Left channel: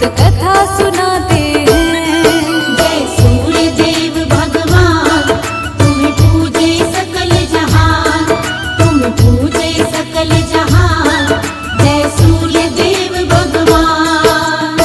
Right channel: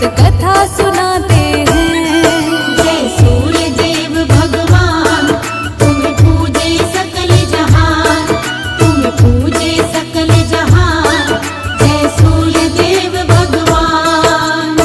व्रत कथा सुनाते हैं। जय सूर्य देव भगवान, तुम पूजे सकल जहान, तुम पूजे सकल जहान। जय सूर्य देव भगवान।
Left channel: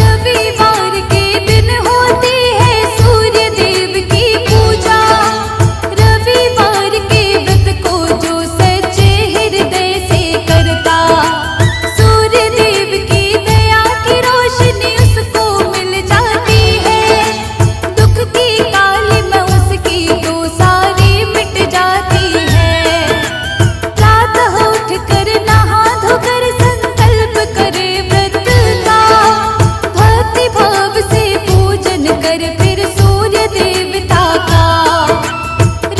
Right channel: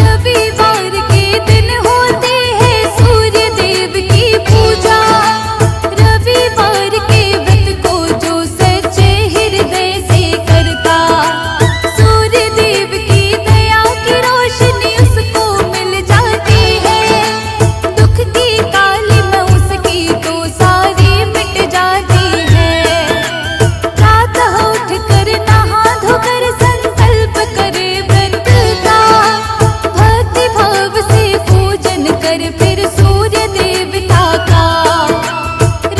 रविवार के दिन होती है सूर्य देव की पूजा। रविवार के व्रत को जो सच्चे हृदय से करता, सूर्य देव की दया की रोशनी उसको मिल जाती है। दुख की काली में उसकी तो सारी मिट जाती है। प्रातः उठ कर नहा धोकर संकल्प करे व्रत का, भक्ति भाव से पूजन कर फिर सूर्य देवता का।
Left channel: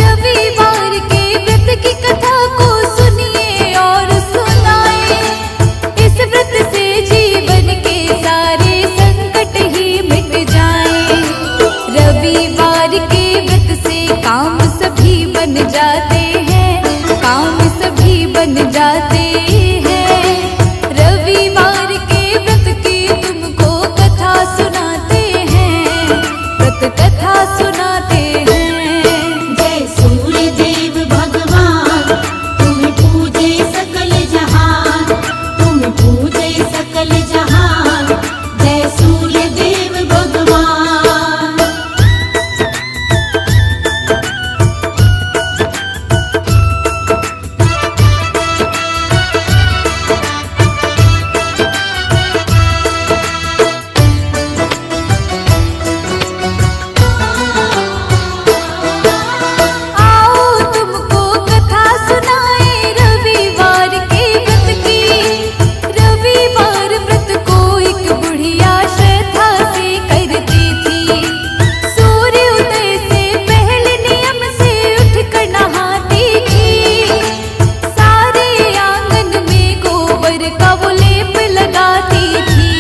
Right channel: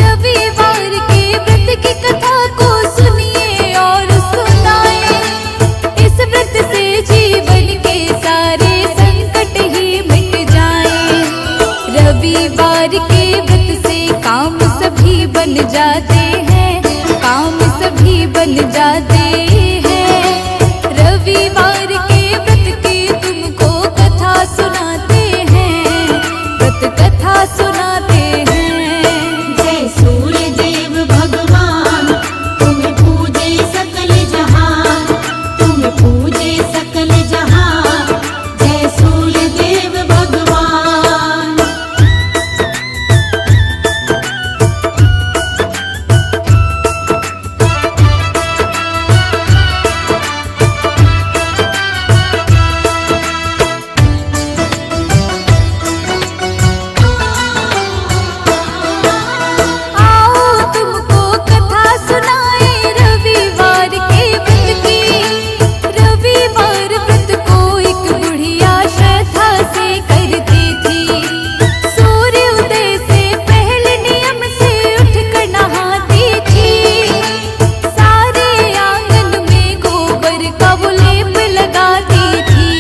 रविवार के व्रत की कथा को सुनिए और सुनाए। इस व्रत से जीवन के सारे संकट ही मिट जाएं। रविवार के व्रत से काम सभी बन जाते हैं, काम सभी बन जाते हैं। रविवार के व्रत की तुमको कथा सुनाते हैं, व्रत कथा सुनाते हैं। जय सूर्य देव भगवान, तुम पूजे सकल जहान, तुम पूजे सकल जहान। जय सूर्य देव भगवान। आओ तुमको कथा सुनाए रविवार के व्रत की। रविवार व्रत को एक बुढ़िया श्रद्धा से करती थी। सूर्य उदय से पहले नियम से उठकर नहाती थी। सारे आंगन में गोबर का वो लेप लगाती थी।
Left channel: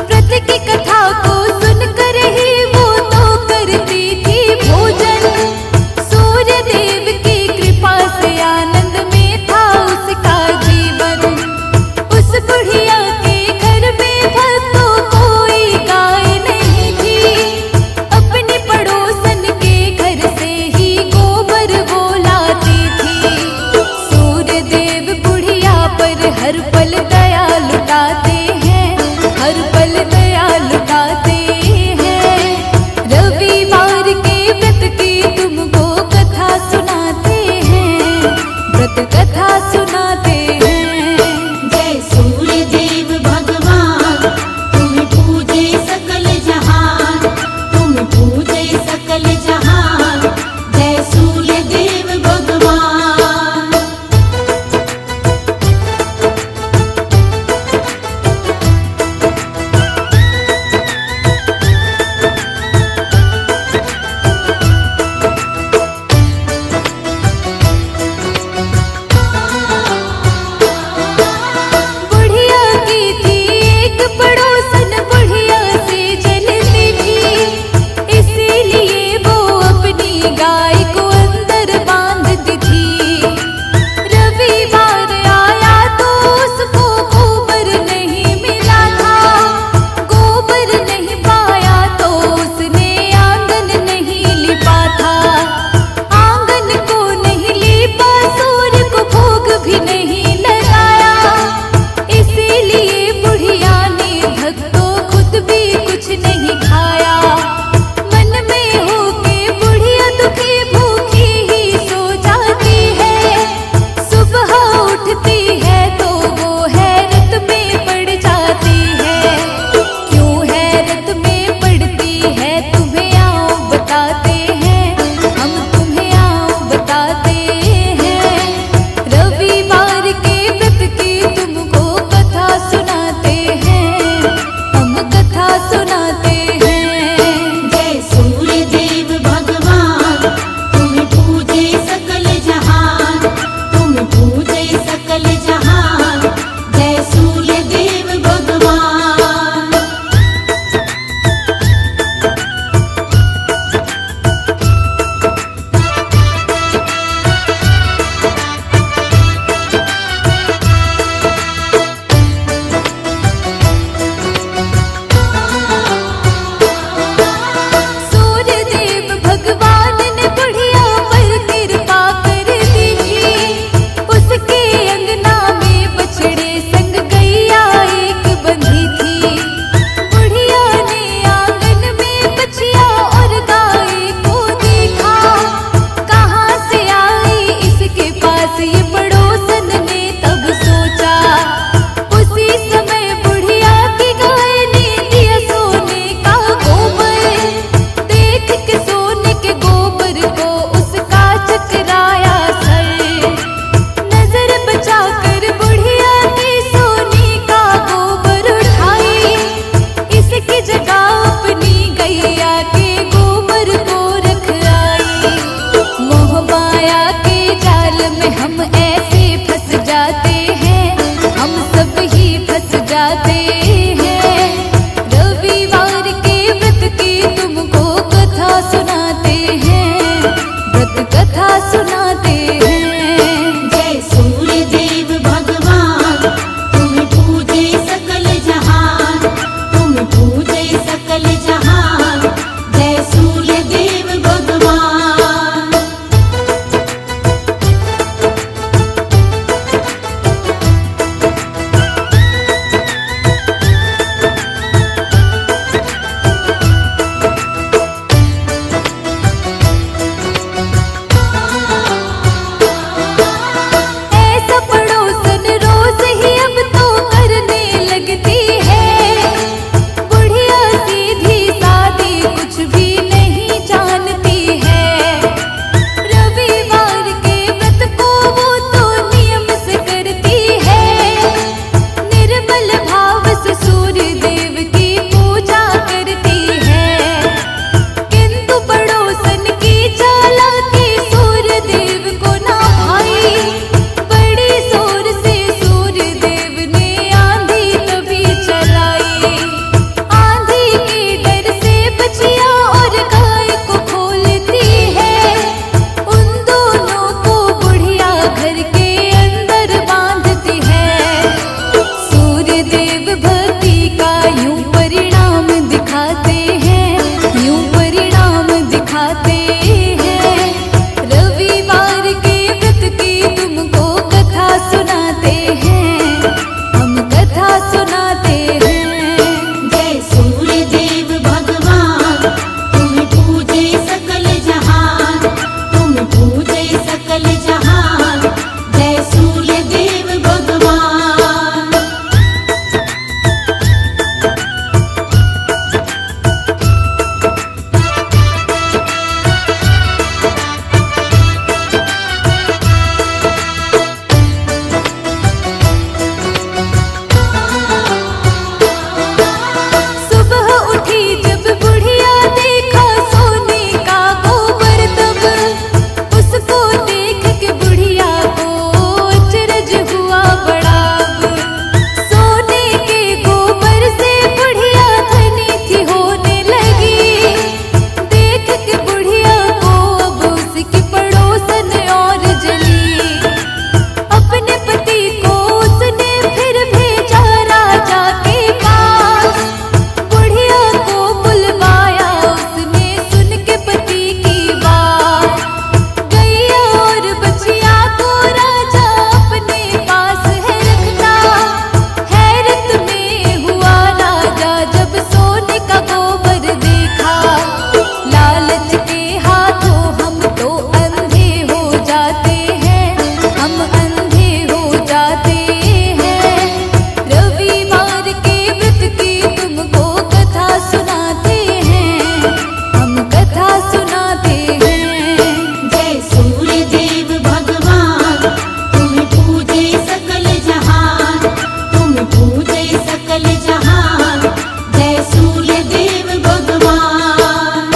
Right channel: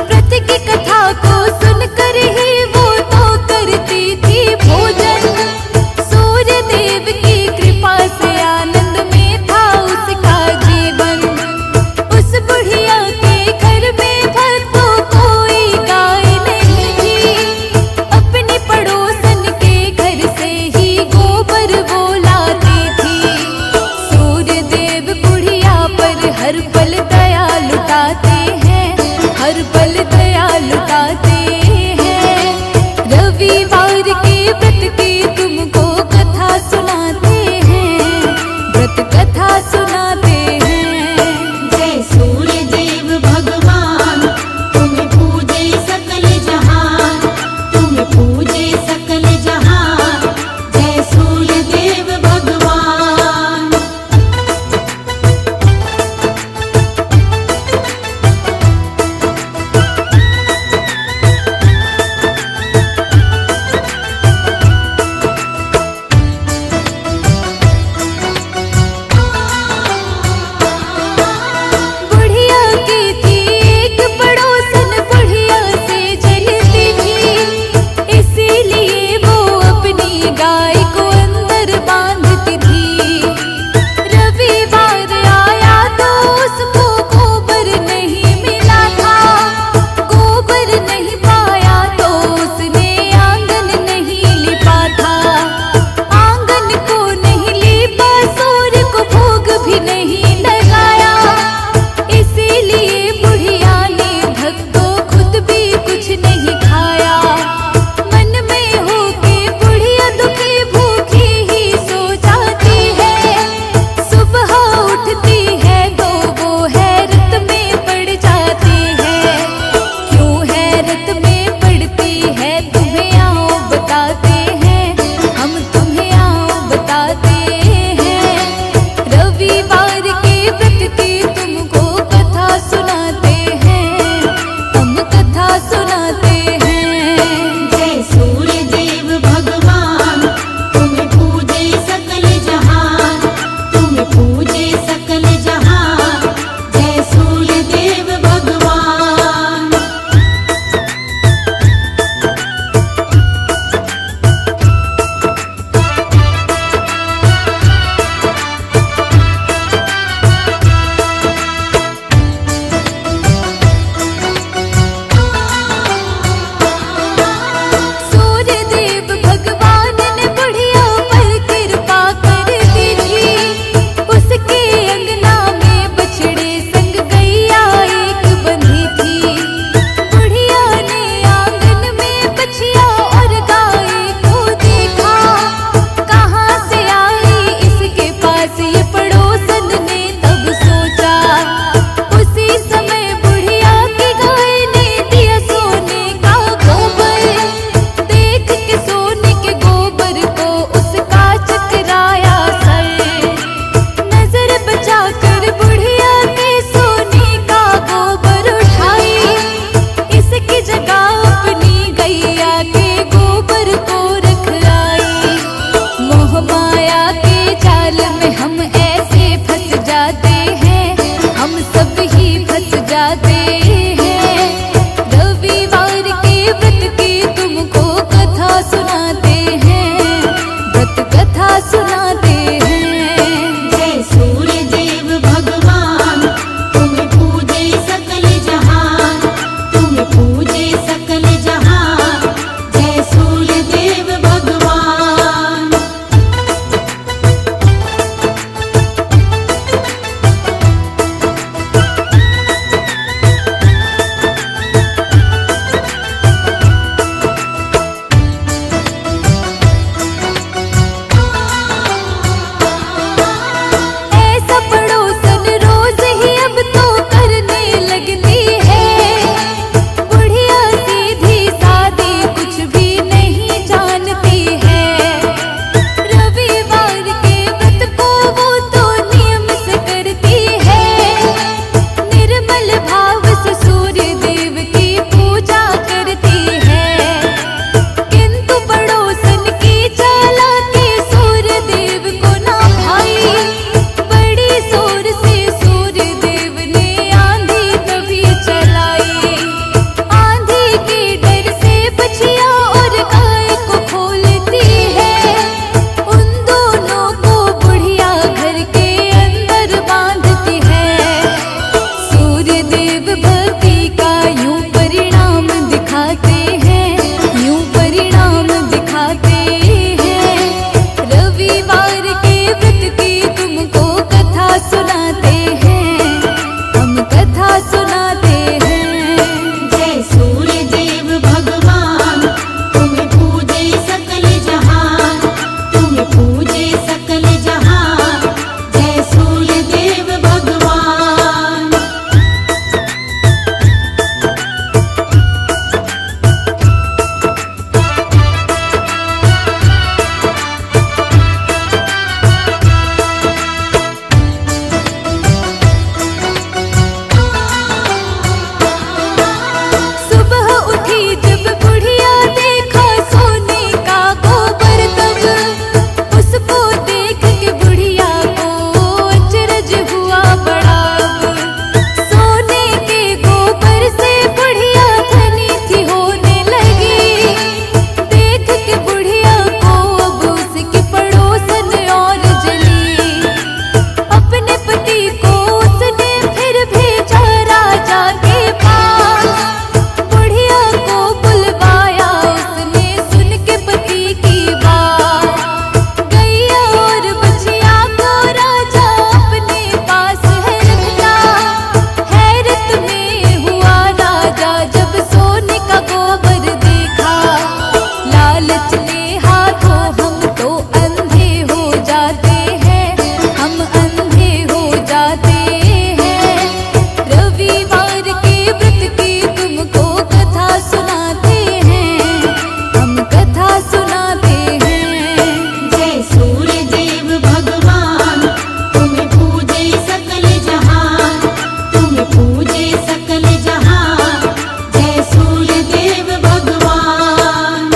व्रत की कथा को सुनकर ही वो तो करती थी भोजन। सूर्य देव की कृपा से आनंद में था उसका जीवन। उस बुढ़िया के घर में भक्तों कोई गाय नहीं थी। अपने पड़ोसन के घर से ही गोबर वो लाती थी। सूर्य देव बुढ़िया पर हर पल दया लुटाते हैं, हर पल दया लुटाते हैं। रविवार के व्रत की तुमको कथा सुनाते हैं, व्रत कथा सुनाते हैं। जय सूर्य देव भगवान, तुम पूजे सकल जहान, तुम पूजे सकल जहान। जय सूर्य देव भगवान। बुढ़िया की थी एक पड़ोसन, बुढ़िया से जलती थी। इसीलिए वो अपनी गाय को अंदर बांधती थी। रविवार आया तो उसको गोबर नहीं मिला था। गोबर नहीं पाया तो उसने आंगन नहीं लिपा था। आंगन को नहीं लिपा, सूर्य को भोग भी नहीं लगाया। इसीलिए बुढ़िया ने भक्तों खुद भी कुछ नहीं खाया। मन में होके बुढ़िया दुखी भूखी ही सो जाती है। सुबह उठती है तो वो हैरत में पड़ जाती है। क्यों हैरत में पड़ती है तुम्हें आओ बताते हैं, हम तुम्हें आओ बताते हैं। रविवार के व्रत की तुमको कथा सुनाते हैं, हम कथा सुनाते हैं। जय सूर्य देव भगवान, तुम पूजे सकल जहान, तुम पूजे सकल जहान। जय गोबर को रख आई। मोह माया के जाल में हम ऐसे फंस जाते हैं, हम सब ही फंस जाते हैं। रविवार के व्रत की तुमको कथा सुनाते हैं, व्रत कथा सुनाते हैं। जय सूर्य देव भगवान, तुम पूजे सकल जहान, तुम पूजे सकल जहान। जय सूर्य देव भगवान। ऐसा पड़ोसन रोज ही अब तो करने लगती है। बुढ़िया सीधी सादी कुछ भी नहीं जानती है। रविवार के व्रत को वो तो नियम से करती है। निर्मल भाव से सूर्य देव की पूजा करती है। किंतु पड़ोसन की चालाकी सूर्य देव को ना भाई। बड़ी जोर से सूर्य देव ने आंधी तभी चलाई। आंधी के डर से बछिया और गाय को खोलती है। उन दोनों को बुढ़िया घर के अंदर बांधती है। सूर्य देव भक्ति का यूं परिणाम दिखाते हैं, यूं परिणाम दिखाते हैं। रविवार के व्रत की तुमको कथा सुनाते हैं, हम कथा सुनाते हैं। जय सूर्य देव भगवान, तुम पूजे सकल जहान, तुम पूजे सकल जहान। जय सूर्य देव भगवान। सुबह उठी जब बुढ़िया देखा सोने का गोबर, तब उसको देख के बुढ़िया को अचरज हुआ बड़ा। अब सोने के गोबर से बुढ़िया धनी थी होने लगी। देख के बुढ़िया को अब उसकी पड़ोसन और जली। अपने पति को उसने फिर भेजा राजा के पास। बुढ़िया को बुलवाया उसने सुन के पति की बात। गैया और बछिया को राजा अपने पास है रखता। हैरत में हुआ राजा जब सोने का गोबर देखा। लालच के हाथों हम तो अंधे हो जाते हैं, हम अंधे हो जाते हैं। रविवार के व्रत की तुमको कथा सुनाते हैं, हम कथा सुनाते हैं। जय सूर्य देव भगवान, तुम पूजे सकल जहान, तुम पूजे सकल जहान। जय सूर्य देव भगवान।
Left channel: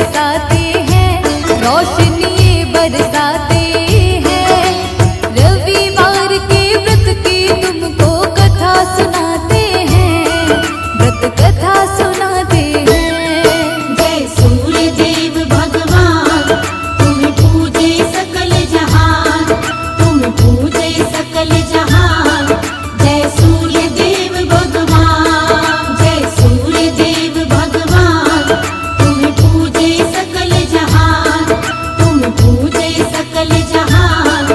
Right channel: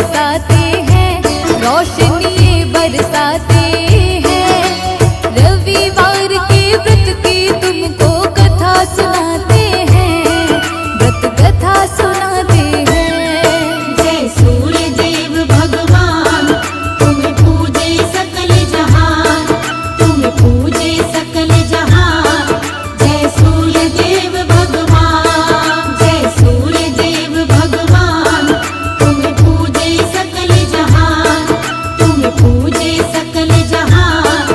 बरसाते हैं, रोशनी बरसाते हैं। रविवार के व्रत की तुमको कथा सुनाते हैं, व्रत कथा सुनाते हैं। जय सूर्य देव भगवान, तुम पूजे सकल जहान, तुम पूजे सकल जहान। जय सूर्य देव भगवान, जय सूर्य देव भगवान, तुम पूजे सकल जहान, तुम पूजे सकल जहान।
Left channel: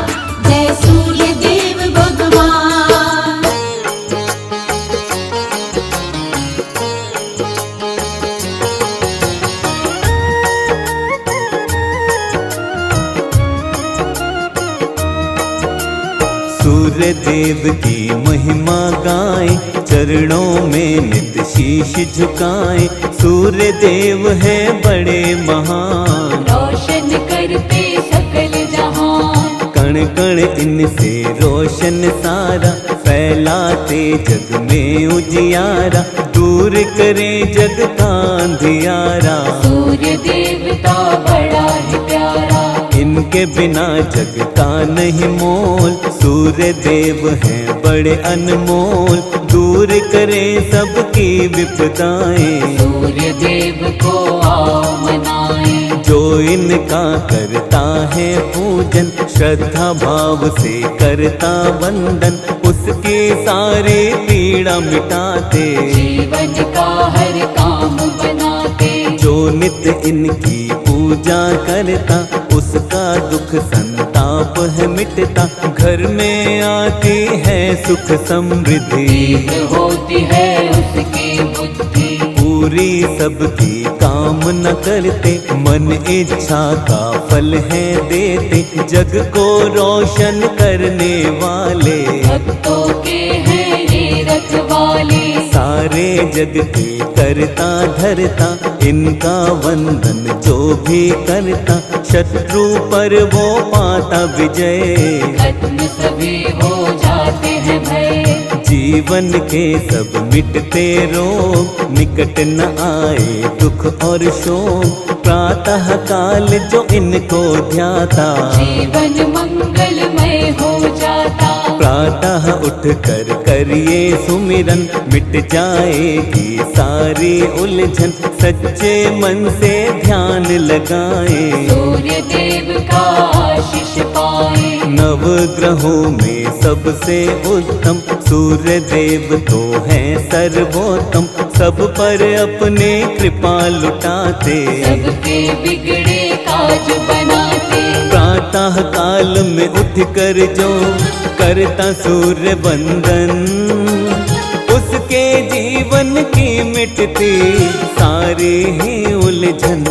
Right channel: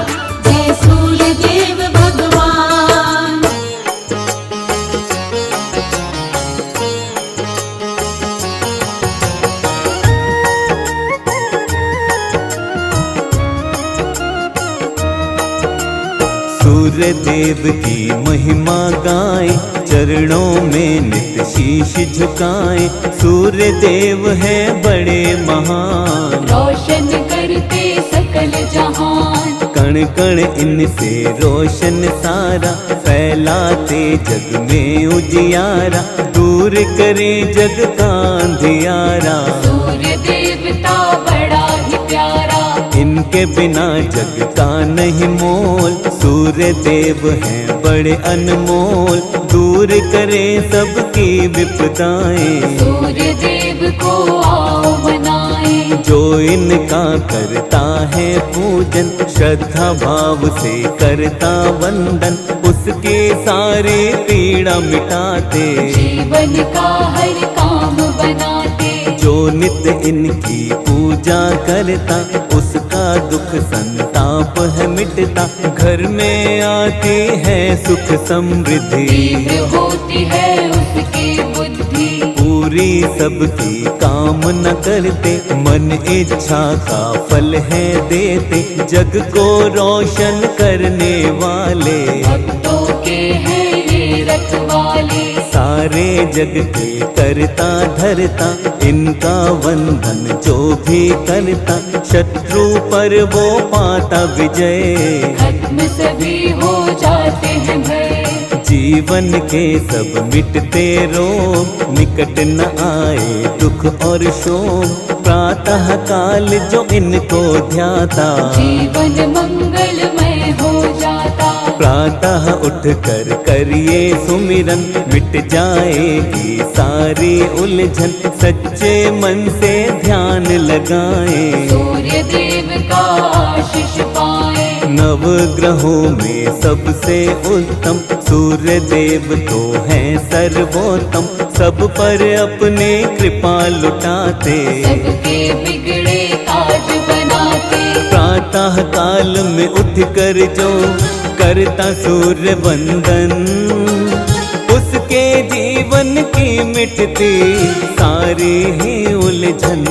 जय सूर्य देव भगवान। सूर्य देव की महिमा गाएं, चरणों में नित शीश झुकाएं। सूर्य देव है बड़े महान, रोशन करके सकल जहान। कण कण इनसे रोशन सारा, फैलाते जग में उजियारा। दूर करें जग का अंधियारा, सूर्य देवता बड़ा ही प्यारा। इनके बिना जग का नहीं मोल। सूर्य देव हैं बड़े अनमोल, दूर करें सबकी विपदाएं। सूर्य देव को आओ मनाएं, जो इनका करता है पूजन, श्रद्धा भाव से करता वंदन। उसकी सारी पीड़ा मिटाते, जीवन का हर काम बनाते। जो नित्य इनकी पूजा करता, उसका दुख संताप है मिटता। घर में आती है सुख समृद्धि, तीव्र होती है उसकी बुद्धि। पूरी सबकी कामना करते, मन इच्छा का फल है देते। जग को रोशन करने वाले, भक्तों के हैं ये रखवाले। सारे जग के करता धरता। इनका वंदन जो भी करता, शत्रु पर वो पाता विजय। खत्म सभी हो जाते हैं भय, जीवन के सब मिटते रोग, निकट न आए दुख और शोक। प्रातः काल जो इनको ध्याता, जीवन मंगलमय हो जाता। प्रातः उठ कर करिए सुमिरन, मिट जाएगी सारी उलझन। सच्चे मन से ध्यान लगाएं, सूर्य देव का आशीष पाएं। नव ग्रहों में सबसे उत्तम, सूर्य देव तो हैं सर्वोत्तम। सब पर अपने कृपा लुटाते, सबके बिगड़े ताज बनाते। प्रातः काल में उठ कर जो करता सूर्य वंदन, उसके जीवन की मिटती सारी ही उलझन।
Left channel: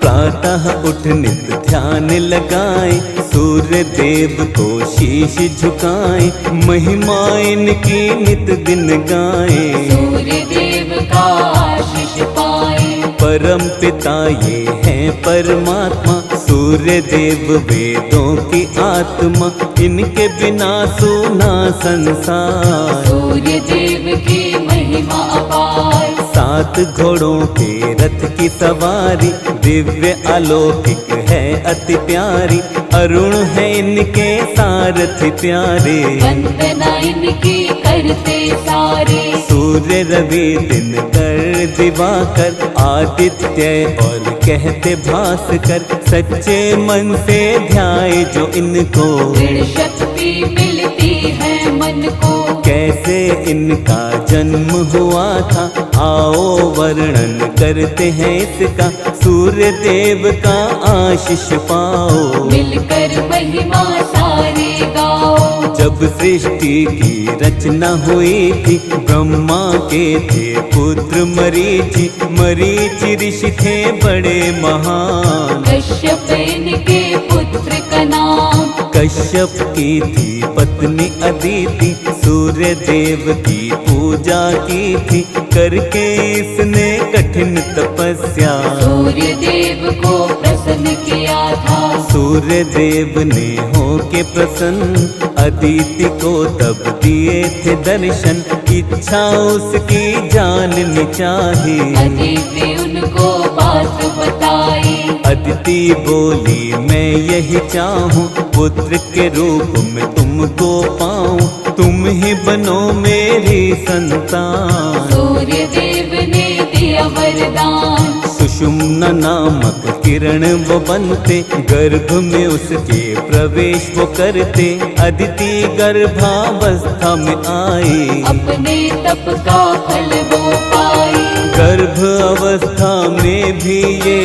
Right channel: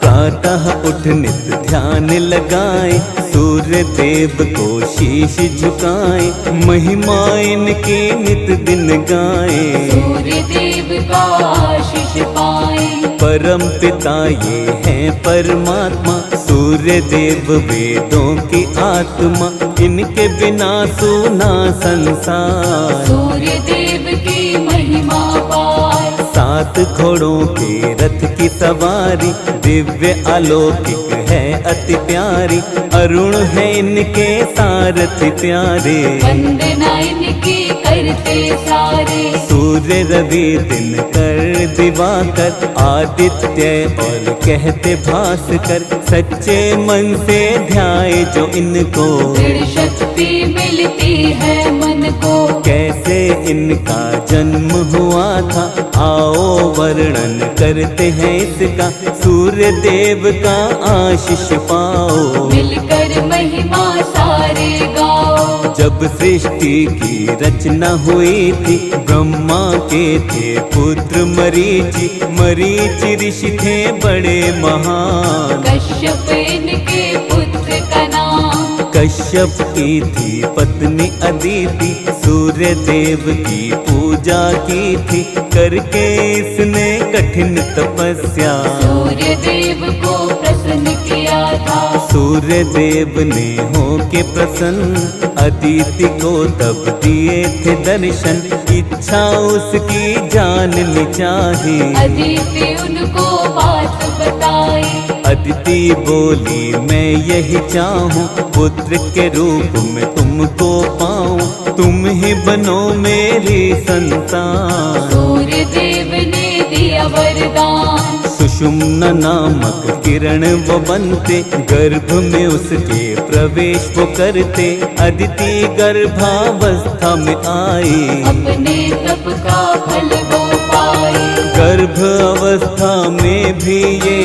प्रातः उठ नित ध्यान लगाए, सूर्य देव को शीश झुकाए। महिमा इनकी नित दिन गाए, सूर्य देव का आशीष पाएं। परम पिता ये हैं परमात्मा, सूर्य देव वेदों की आत्मा। इनके बिना सूना संसार, सूर्य देव की महिमा अपार। 7 घोड़ों के रथ की सवारी, दिव्य अलौकिक है अति प्यारी। अरुण है इनके सारथी प्यारे, वंदना इनकी करते सारे। सूर्य रवि दिनकर दिवाकर, आदित्य और कहते भास्कर। सच्चे मन से ध्याए जो इनको, दृढ़ शक्ति मिलती है मन को। कैसे इनका जन्म हुआ था, आओ वर्णन करते हैं इसका। सूर्य देव का आशीष पाओ, मिलकर महिमा सारे गाओ। जब सृष्टि की रचना हुई थी, ब्रह्मा के थे पुत्र मरीचि। मरीचि ऋषि थे बड़े महान, कश्यप इनके पुत्र का नाम। कश्यप की थी पत्नी अदिति, सूर्य देव की पूजा की थी। करके इसने कठिन तपस्या, सूर्य देव को प्रसन्न किया था। सूर्य देव ने होके प्रसन्न अदिति को तब दिए थे दर्शन। इच्छा उसकी जाननी चाही, अदिति उनको बात बताई। अदिति बोली मैं यही चाहूँ, पुत्र के रूप में तुमको पाऊँ, तुम ही बनो मेरी संतान। सूर्य देव ने दिया वरदान। सुषुम्ना नामक किरण वो बनते, गर्भ में उसके प्रवेश वो करते। अदिति गर्भावस्था में आई, अपने तप का फल वो पाई। गर्भ अवस्था में भी ये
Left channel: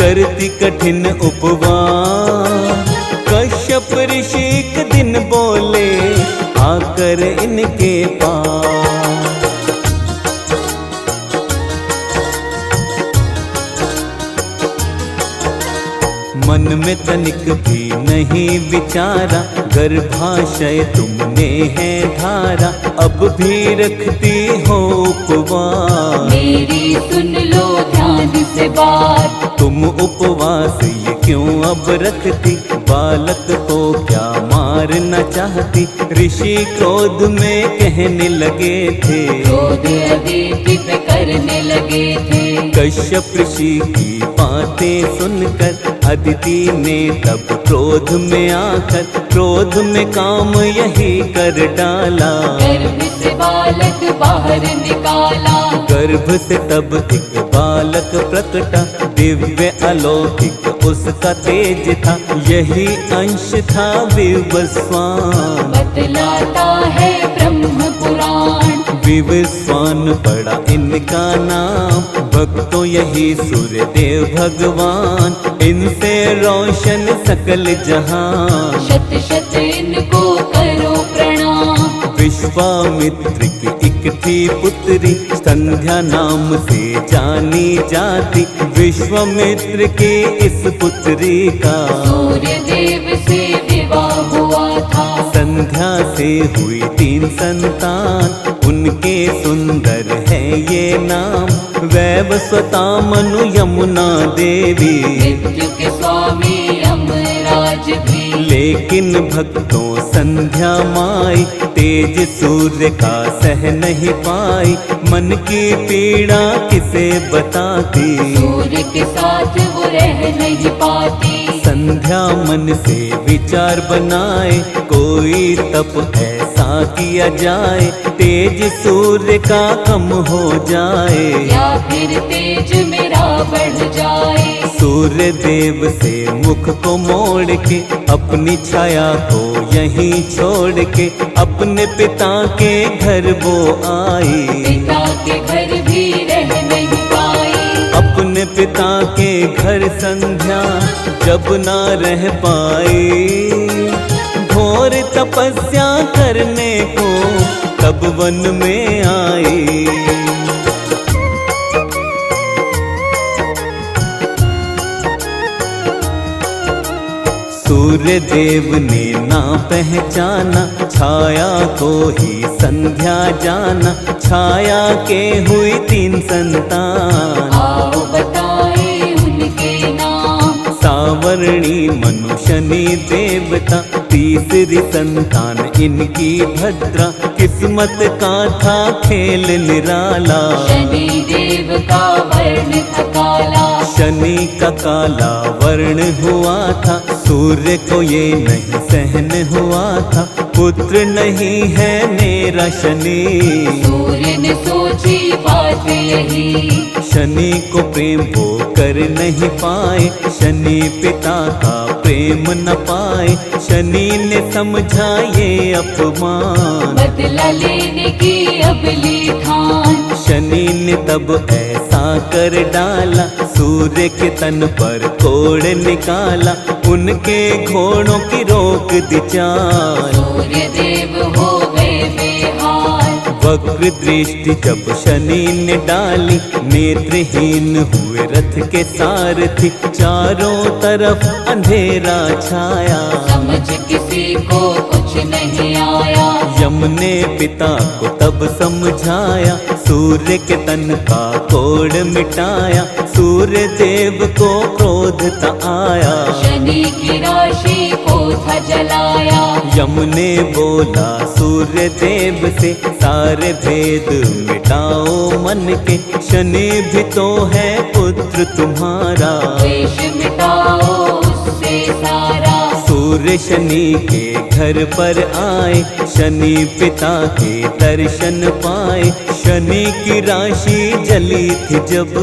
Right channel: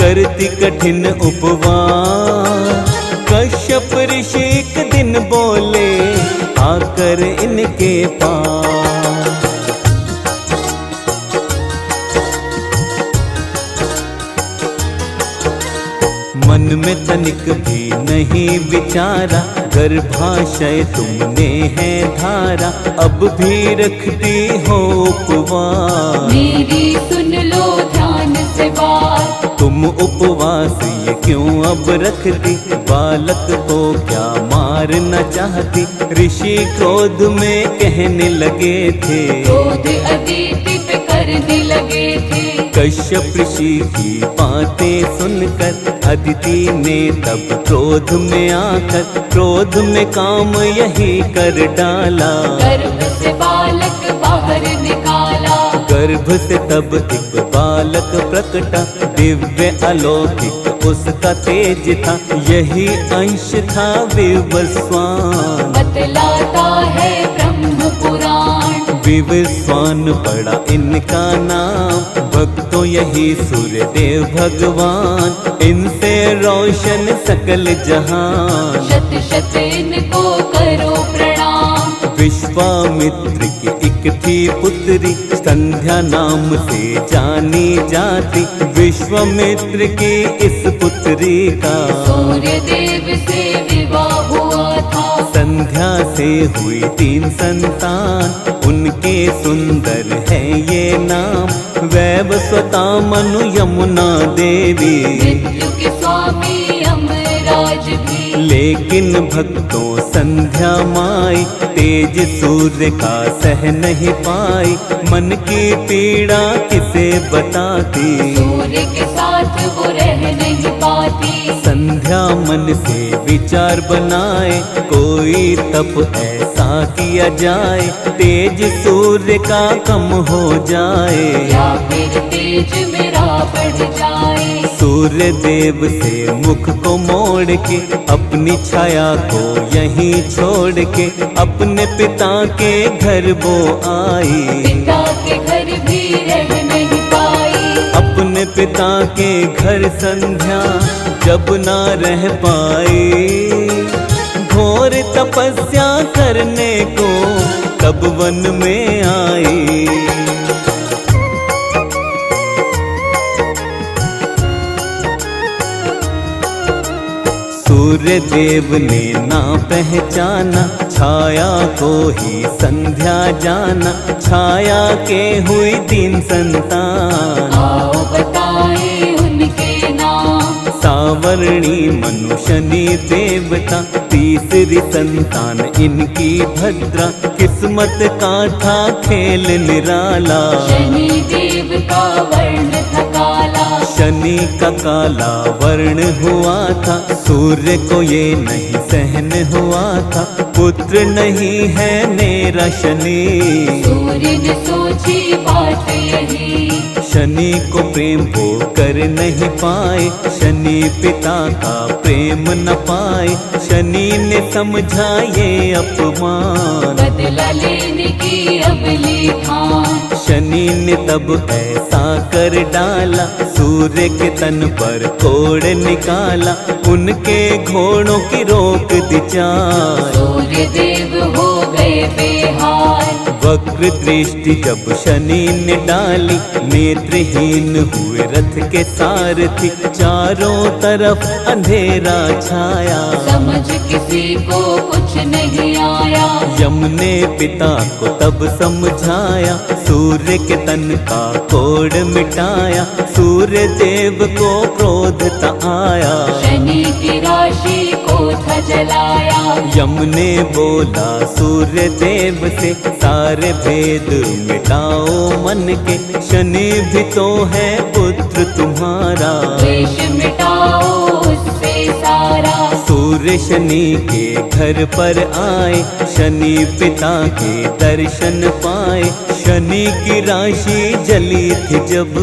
करती कठिन उपवास। कश्यप ऋषि एक दिन बोले आकर इनके पास। मन में तनिक भी नहीं विचारा, गर्भाशय तुमने है धारा, अब भी रखती हो उपवास। मेरी सुन लो ध्यान से बात। तुम उपवास ये क्यों अब रखती, बालक को क्या मारना चाहती। ऋषि क्रोध में कहने लगे थे, क्रोध अदिति पे करने लगे थे। कश्यप ऋषि की बातें सुनकर अदिति ने तब क्रोध में आकर, क्रोध में काम यही कर डाला। गर्भ से बालक बाहर निकाला। गर्भ से तब एक बालक प्रकटा, दिव्य अलौकिक उसका तेज था, यही अंश था विवस्वान। बतलाता है ब्रह्म पुराण। विवस्वान पड़ा इनका नाम, भक्तों यही सूर्य देव भगवान, इनसे रोशन सकल जहान। शत शत इनको करो प्रणाम। विश्वामित्र की एक थी पुत्री, संध्या नाम से जानी जाती। विश्वामित्र की इस पुत्री का सूर्य देव से विवाह हुआ था। संध्या से हुई 3 संतान, उनके सुंदर है ये नाम। वैवस्वता मनु यमुना देवी, मृत्यु के स्वामी यमराज भी। लेकिन भक्तों संध्या माई, तेज सूर्य का सह नहीं पाई। मन की पीड़ा किसे बताती, सूर्य के साथ वो रह नहीं पाती। संध्या मन से विचार बनाए, कोई तप ऐसा किया जाए, तेज सूर्य का कम हो जाए, या फिर तेज मेरा बढ़ जाए। सूर्य देव से मुख को मोड़ के, अपनी छाया को यहीं छोड़ के, अपने पिता के घर वो आई। पिता के घर भी रह नहीं पाई। अपने पिता के घर संध्या जब ना रह पाई, घोर तपस्या करने को तब वन में आई। सूर्य देव ने ना पहचाना, छाया को ही संध्या जाना। छाया के हुई 3 संतान, आओ बताएं उनके नाम। सावरणी मनु शनि देवता, तीसरी संतान इनकी भद्रा। किस्मत का था खेल निराला, शनि देव का वर्ण था काला। शनि का काला वर्ण हुआ था, सूर्य को ये नहीं सहन हुआ था। पुत्र नहीं है मेरा शनि, सूर्य ने सोची बात यही। शनि को प्रेम वो कर नहीं पाए, शनि पिता का प्रेम न पाए। शनि ने समझा ये अपमान, बदला लेने की अब ली ठान। शनि ने तब ऐसा कर डाला, सूर्य के तन पर कोड़ निकाला। उनके घोड़ों की रोक दी चाल, सूर्य देव हो गए बेहाल। वक्र दृष्टि जब शनि ने डाली, नेत्रहीन हुए रथ के सारथी। चारों तरफ अंधेरा छाया, समझ किसी को कुछ नहीं आया। यम ने पिता को तब समझाया, सूर्य के तन का कोड़ मिटाया। सूर्य देव को क्रोध ता आया, शनि की राशि को था जलाया। यम ने बोला सूर्य देव से, सारे भेद मिटाओ मन के। शनि भी तो है पुत्र तुम्हारा, द्वेष मिटाओ उससे सारा। सूर्य शनि के घर पर आए, शनि पिता के दर्शन पाए। शनि की राशि जली थी जब,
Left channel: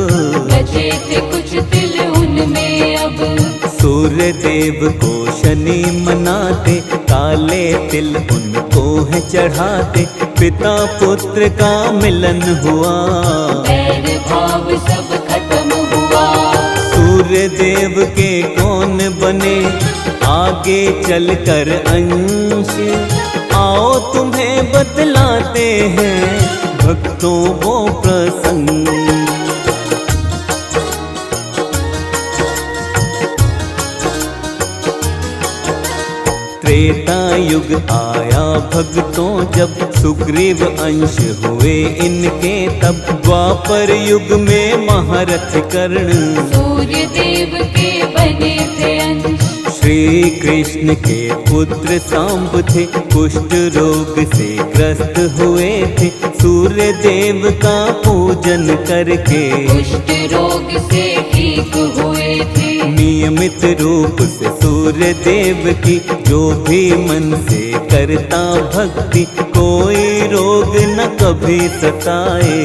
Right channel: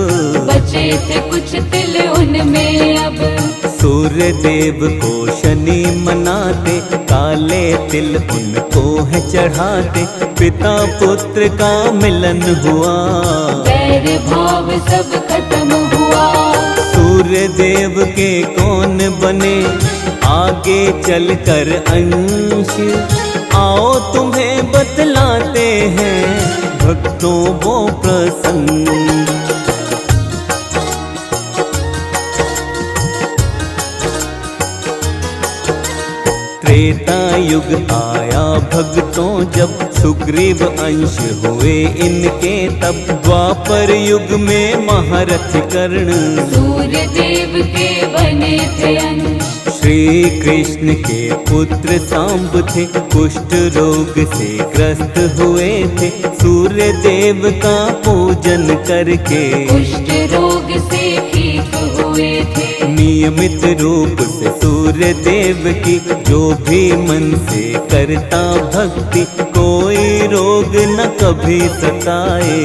बचे थे कुछ तिल उनमें अब। सूर्य देव को शनि मनाते, काले तिल उनको है चढ़ाते। पिता पुत्र का मिलन हुआ, बैर भाव सब खत्म हुआ। सूर्य देव के कौन बने आगे चलकर अंश। आओ तुम्हें बतलाते हैं भक्तों वो प्रसंग। त्रेता युग आया भक्तों जब, सुग्रीव अंश हुए इनके तब। द्वापर युग में महारथ कर्ण, सूर्य देव के बने थे अंश। श्री कृष्ण के पुत्र सांब थे, कुष्ठ रोग से ग्रस्त हुए थे। सूर्य देव का पूजन करके कुष्ठ रोग से ठीक हुए थे। नियमित रूप से सूर्य देव की जो भी मन से करता भक्ति, कोई रोग न कभी सताए।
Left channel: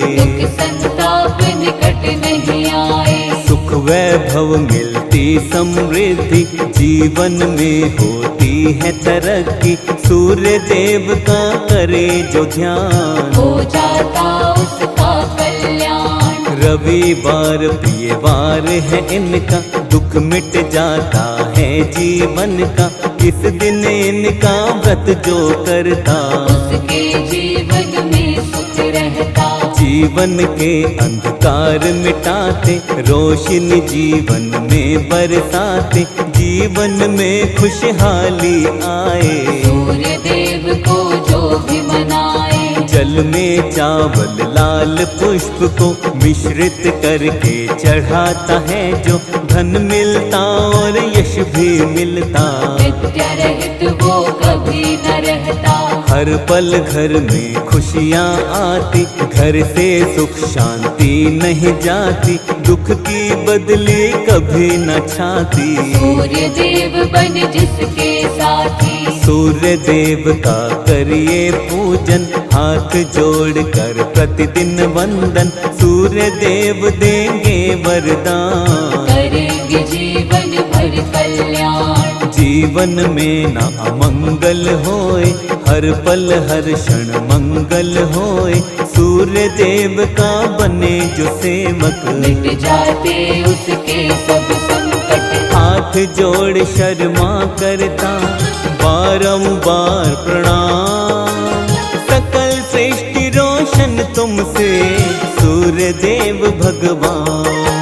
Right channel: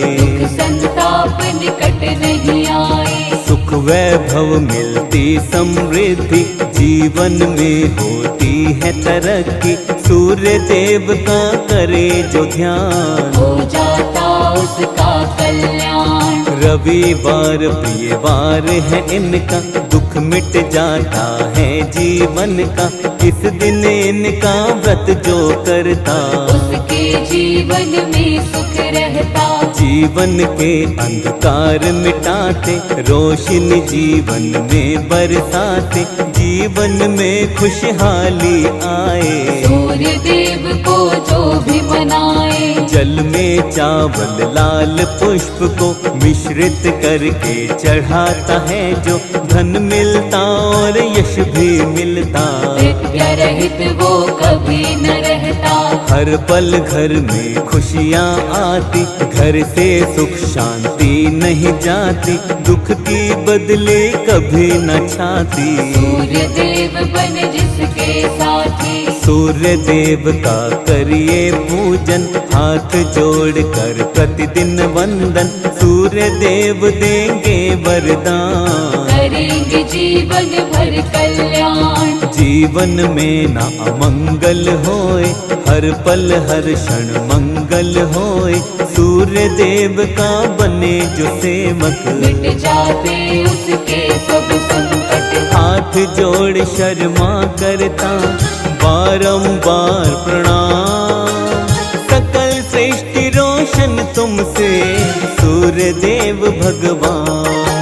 संताप निकट नहीं आए। सुख वैभव मिलती समृद्धि, जीवन में होती है तरक्की। सूर्य देव का करे जो ध्यान, हो जाता उसका कल्याण। रविवार प्रिय वार है इनका, दुख मिट जाता है जीवन का। इस दिन इनका व्रत जो करता, उसके जीवन में सुख रहता। जीवन के अंधकार मिटाते, रोशनी जीवन में बरसाते। जीवन में खुशहाली आए, सूर्य देव को जो भी मनाए। जल में चावल लाल पुष्प को मिश्रित करके चढ़ाता है जो। धन मिलता और यश भी मिलता, विद्या रहित वो कभी न रहता। हर पल घर में खुशियाँ आती, घर से सुख शांति नहीं जाती। दुख की बदले कभी न छाती, सूर्य देव बन जिसके साथी। सूर्य देव का करिए पूजन, हाथ जोड़कर प्रतिदिन वंदन। सूर्य देव देंगे वरदान, करेंगे जीवन भर कल्याण। जीवन में ना अमंगल होए, हर पल हर क्षण मंगल होए। सूर्य देव का बने जो सेवक, मिट जाते उसके सब संकट। हाथ जोड़ शर्मा करता बारंबार प्रणाम। सकल सृष्टि रोशन तुमसे सूर्य देव भगवान।